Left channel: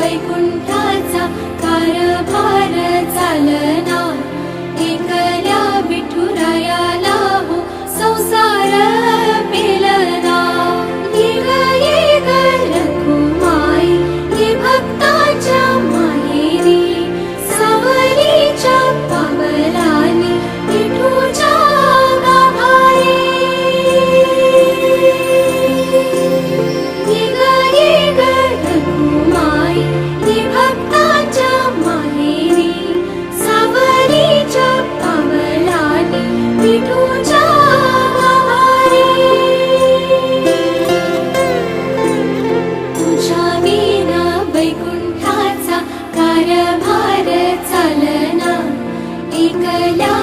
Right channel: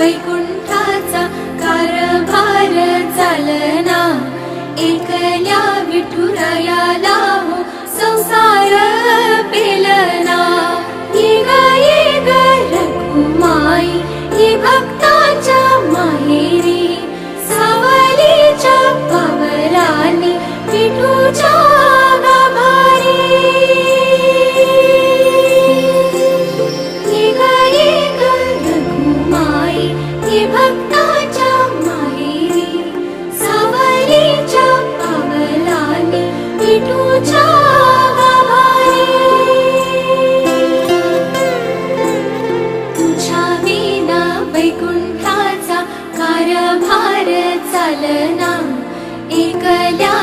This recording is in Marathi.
वैकुंठाचा कारभार चालना, एकल्या विठुरायाला हो संसार पेलना। ये ग रखुमाई ये भक्तांच्या माहेरी, सावलीच्या पावलांनी विठूच्या गाभारी। ये ग रखुमाई ये भक्तांच्या माहेरी, सावलीच्या पावलांनी विठूच्या गाभारी। तुझ्या विना वैकुंठाचा कारभार चालना, एकल्या